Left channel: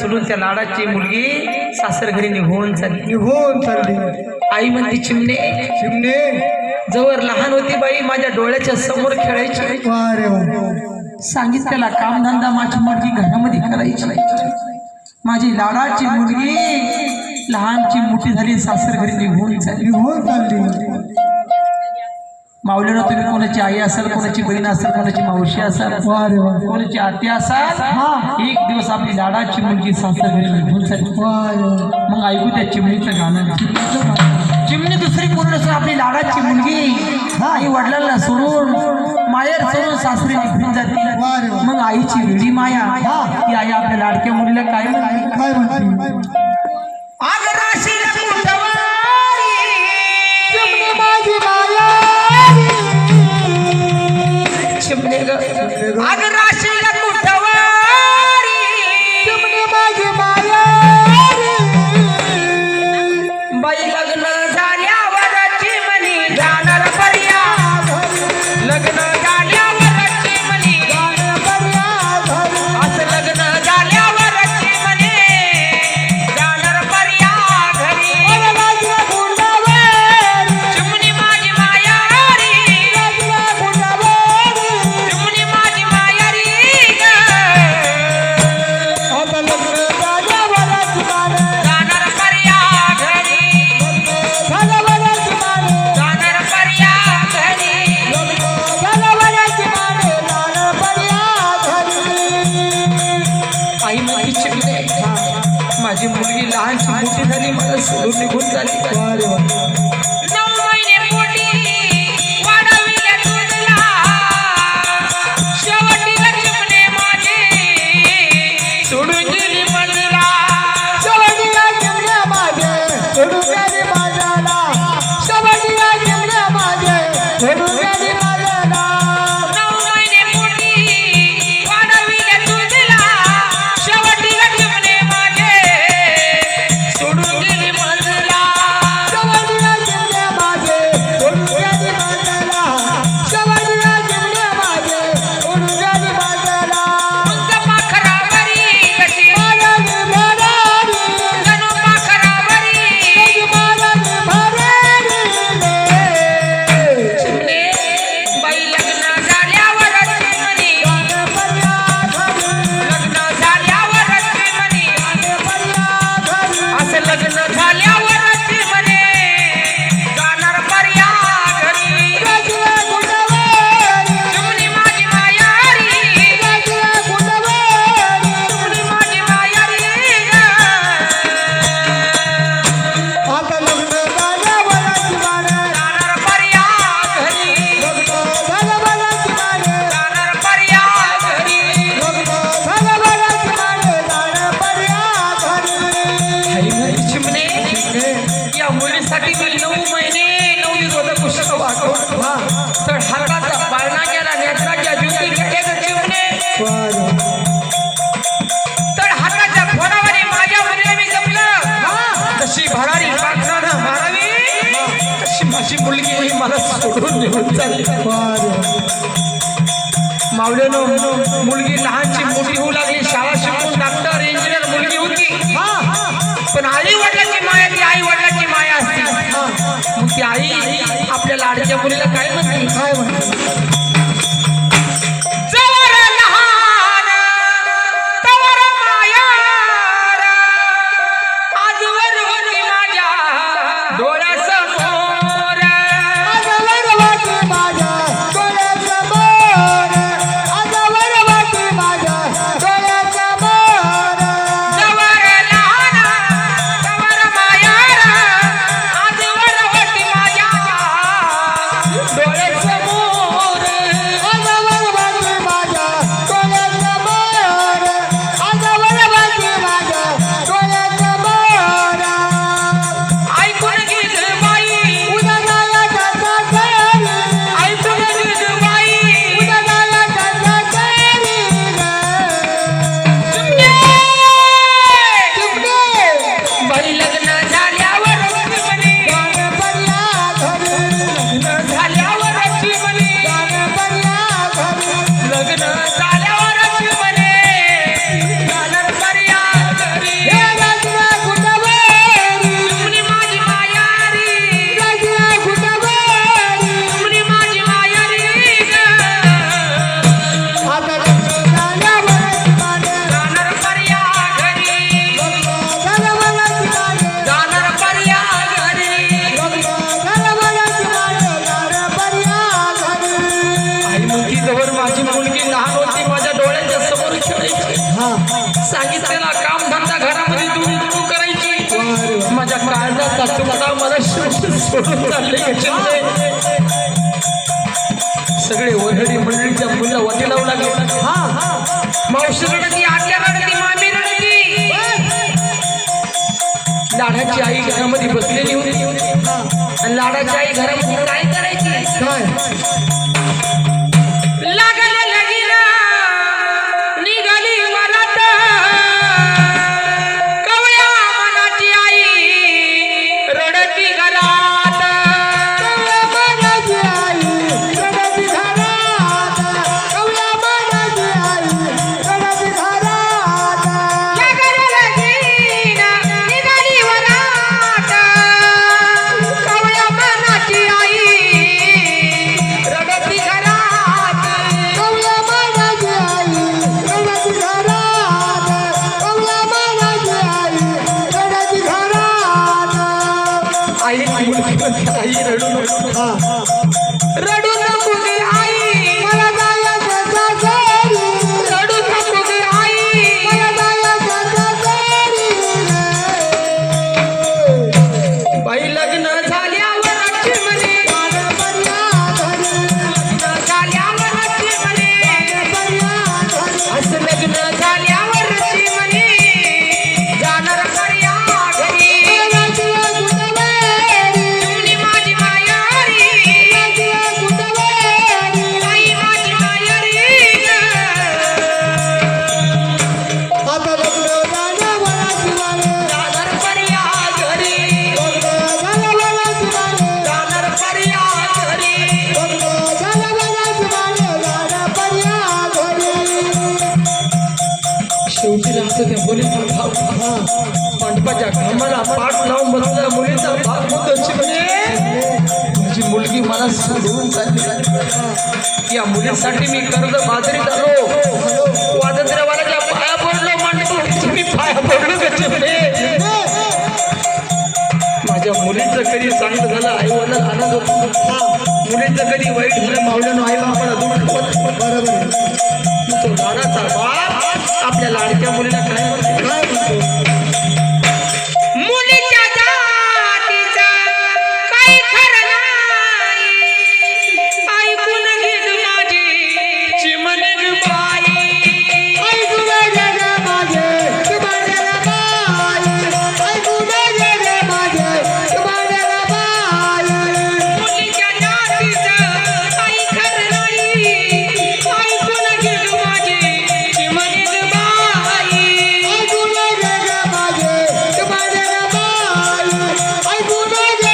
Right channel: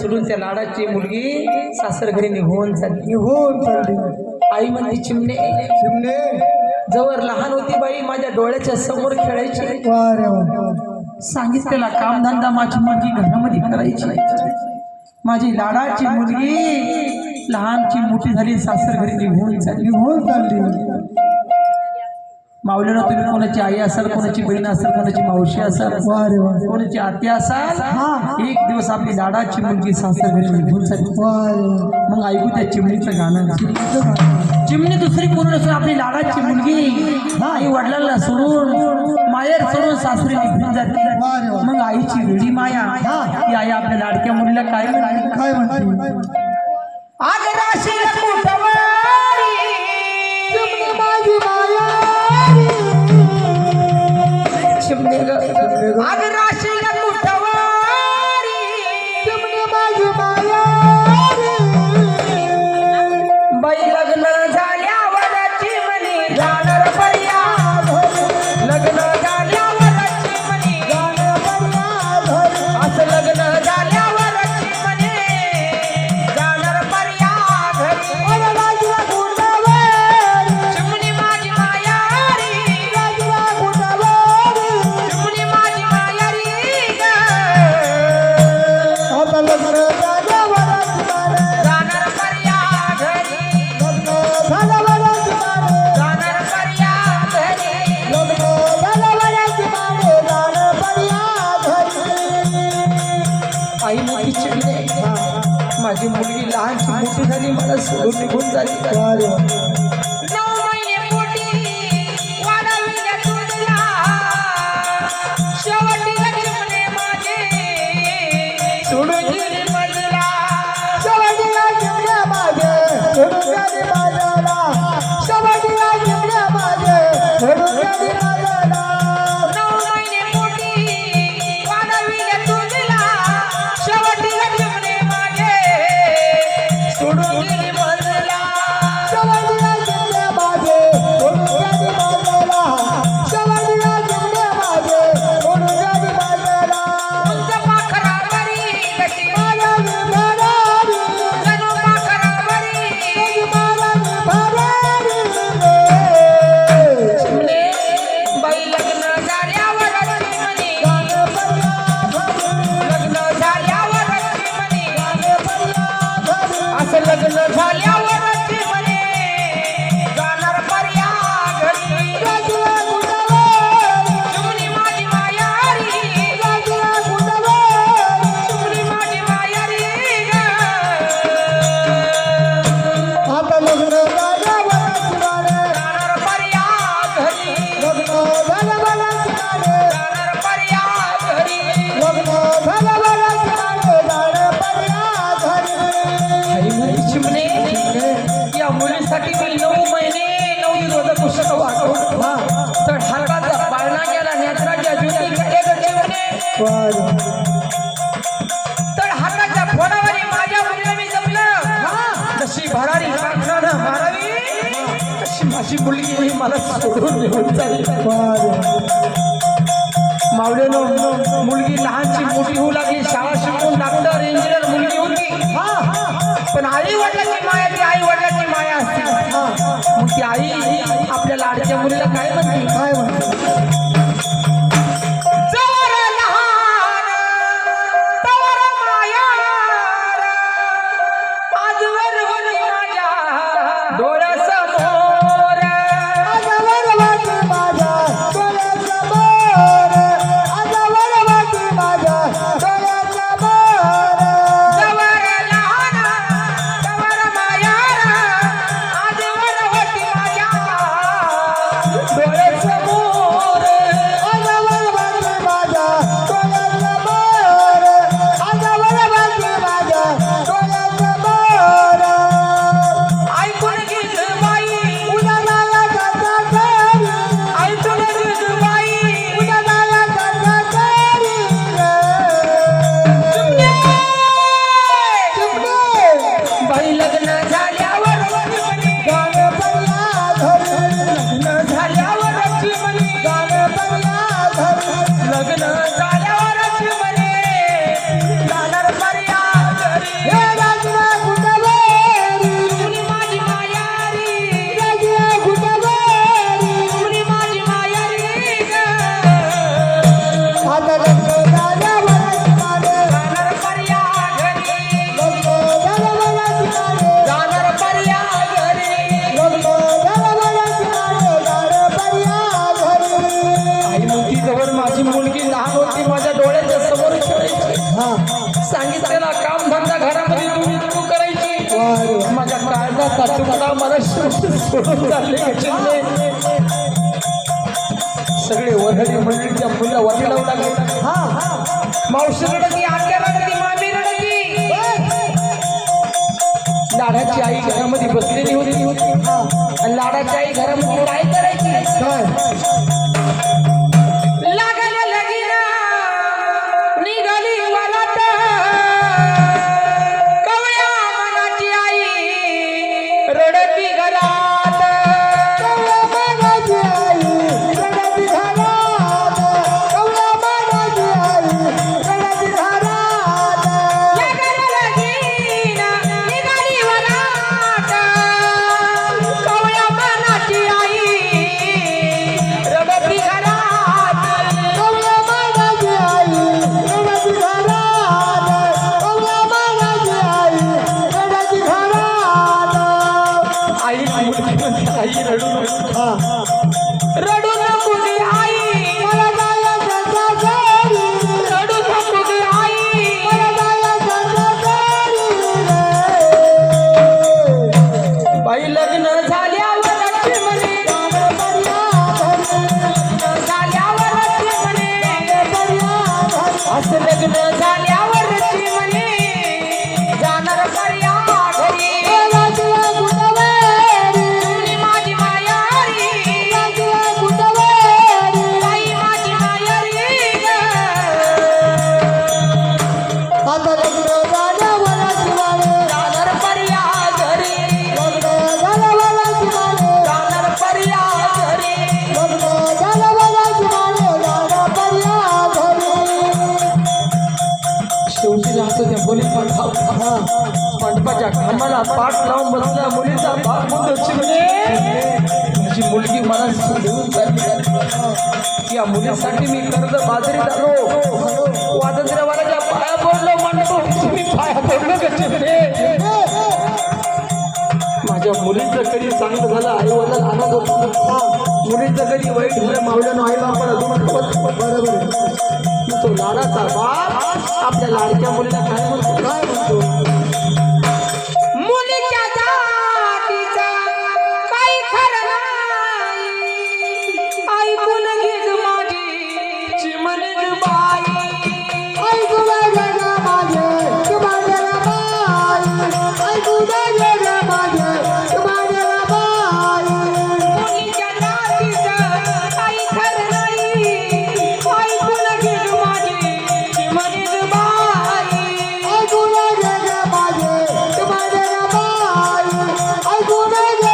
सोडून त्या लाडाची मुलगी सासर घरी निघून चालली. आई म्हणते चिमणे चिमणे जवळ लहान होती बाई माझ्या डोळ्याच्या समोर खेळायची. सांगितलेला कामधंदा माझी मुलगी घरामध्ये करायची. माझी लाडाची मुलगी लहानची मोठी झाली सासर घरी निघून चालली. माऊलीनं तुम्ही कोणाची आई असाल, कोणाची बहीण असाल, कोणाची मावशी असाल, कोणाची आत्या असाल, एक दिवस आपली लाडाची मुलगी सासर घरी निघून चालली. मग ऐकू त्या चिमणीचं गाणं. चिमणी दुसरी कोण नसून आपली लाडाची मुलगी आई वडिलांना सोडून माहेर सोडून सासरी निघून जाते. मग आईची वेडी माया ती आई आपल्या लाडक्या मुलीला काय म्हणते? माझी मुलगी लहानची मोठी झाली, मला सोडून निघून झाली. तर हाताच्या फोडावर माझ्या मुलीला मी जपलं, तशी भरारी पाखरानं मारावी, तशी माझी मुलगी मला सोडून निघून चालली. मावळेनं मुलगी लहानची मोठी होऊ लागली, शाळा शिकून डॉक्टर इंजिनियर मुलगी होती. पण आई वडिलांची माया ती आई वडिलांची माया असते. मग ती आई आपल्या लाडक्या मुलीला काय म्हणते? माझ्या डोळ्यासमोर मला कामधंदा घरामध्ये तू करायची माझ्या काळजाचा तुकडा मला सोडून चालले सगळे वरहरी मंडळीच्या मुलं वाटी लावू लागले मावशी रडती आत्या रडती मामी रडती लाडाची आई घरामध्ये बसलेली होती आणि लाडाची आई घरामध्ये काय करायची मंडपाच्या घामाला पाठ लावून बसल्या मुलीचा भाग माझी मुलगी मला सोडून चालली या मुलीसाठी मी कर्ज बाजारीत आलो स्वातंत्र्यवाल्याच्या पाया पडलो मंडपाच्या मी पाया पडलो माझ्या मुलीचं कधी चांगलं झालं आई वडील आनंद होतो मुलीचं कधी वाईट झालं मावल्यानं आई बापाला तो लाडाचा बाप आपल्या लाडक्या मुलीला काय म्हणतो मुलीच्या जातीचा काही खरं नाही ऐकून घे माझी चिमणी ग बाई ऐकून घे माझे चिमणी बाई ऐकून घे माझे चिमणी बाई मुलीच्या जातीचा काही खरं नाही ऐकून घे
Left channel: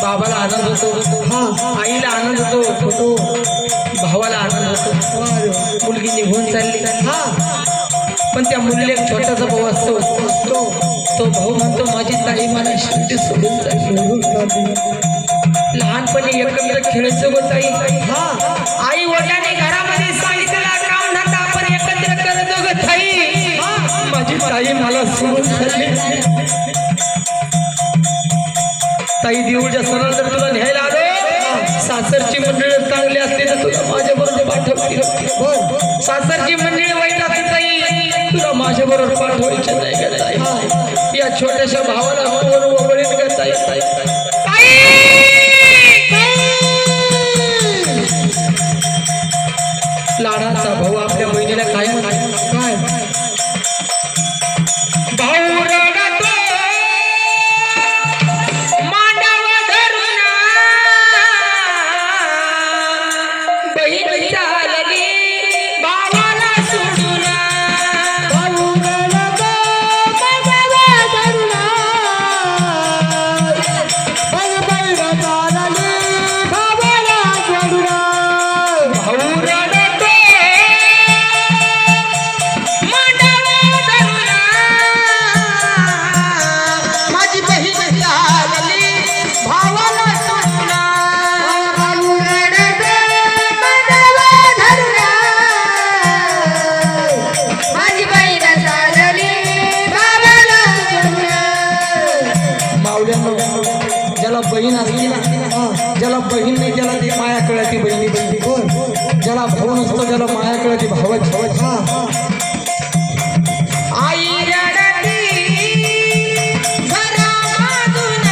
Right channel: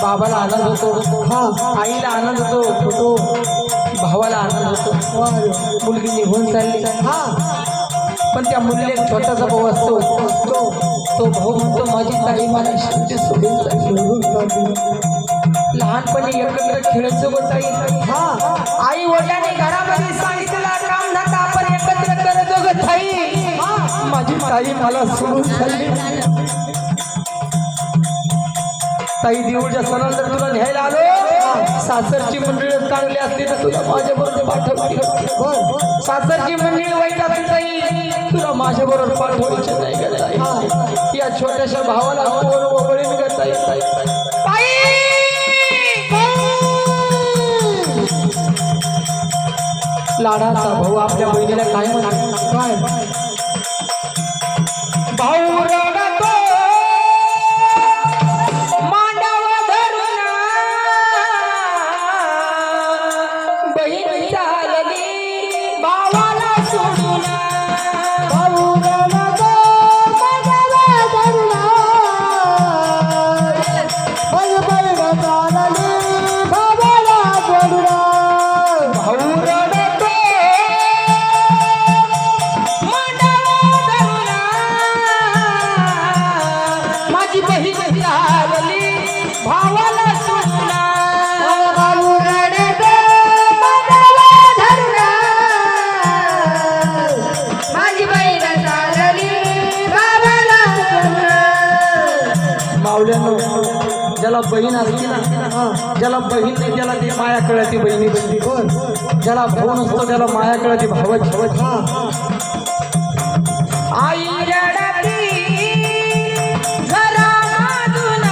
बाबाला आनंद होतो आईला आनंद होतो भावाला आनंद होतो मुलगी निघून चालली पण त्या मुलीला एक छोटासा भाऊ असतो तो भाऊ म्हणतो माझी ताई मला शेवटी सोडून चालली लहानपणी एकत्र खेळायचं होत आई वडिलांनी घरामध्ये सांगितलेला काम धंदा आपण एकत्र करत ग ताई माझी ताई मला सोडून चालली ताई देऊळच्या सणानंतर तुला न्यायला आलो सासरची मंडळी चांगली असते तर तुला माझ्या बरोबर पाठवते सासरची मंडळी वाईट असते ताई तुला माझ्या बरोबर पाठवायची नाही या छोट्याशा भावाला वगळीन करता येत लाडाचा भाऊ आपल्या बहिणीला काय म्हणतो काय भाऊ रडतो मांडव धरून ज्याला माया कळते भावच आई रडती घरामधून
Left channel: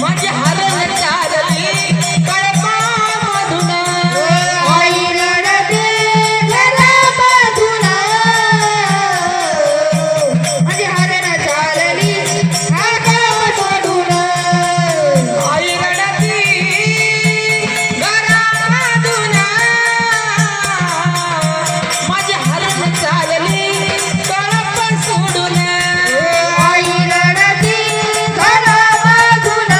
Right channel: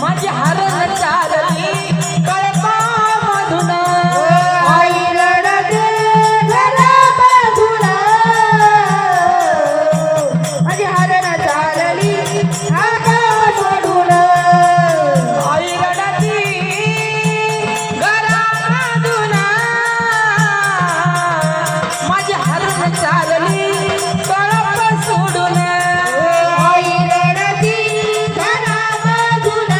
माझी हरण चालली कळपामधून आई रडते घरामधून माझी हरण चालली कळपामधून आई रडती घरामधून माझी हरण चालली कळप सोडून आई रडती घरामधून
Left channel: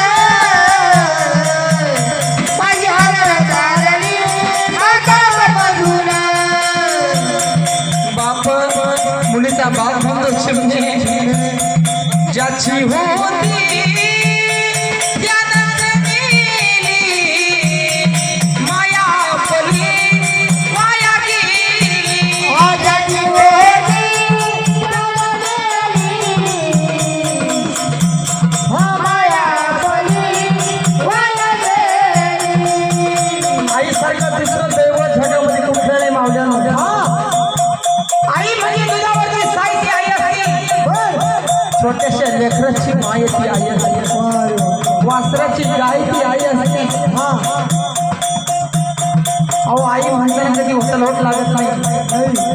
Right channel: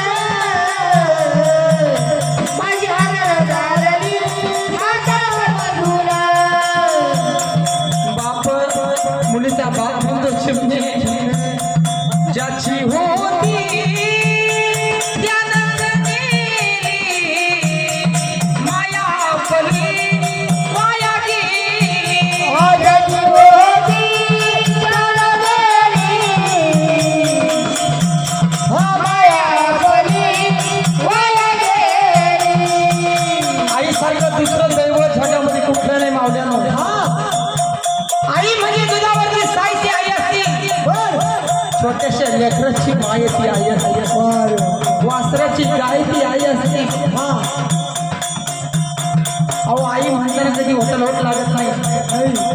माझी हरण चालली कळपामधून बाप मुलीचा बाप म्हणतो चिमणे ज्याची होती त्यानं गेली माया पली वाया गेली आजची होती हो माया पली वाया गेली आई सारखं दुसरं दैवत जगामध्ये कुठलं नाही मावल्यानं आई म्हणजे दुधावरची साईची आई असते छोट्याशा लेकराची माय ती आई असते वासराची गाय ती आई असते अहो आई म्हणताना कधी होटल होट लागत नाही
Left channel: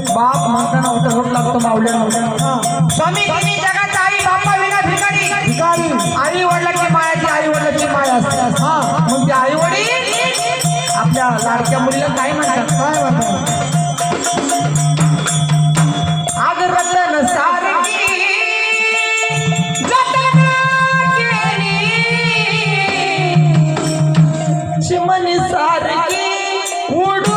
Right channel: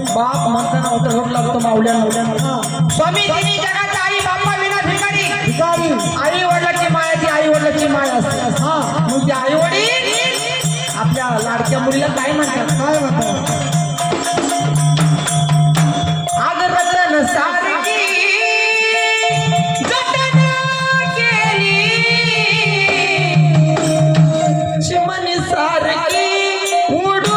बाप म्हणताना होटल होट लागतो मावल्या स्वामी तिन्ही जगात आई बाप्पा विना भिकारी आई वडिलाची माया ती आई वडिलाची माय असते मग ती आई वडील आपल्या लाडक्या मुलीला काय म्हणतात आज रतन सारखी जतन केली चिमणी सारखी उडून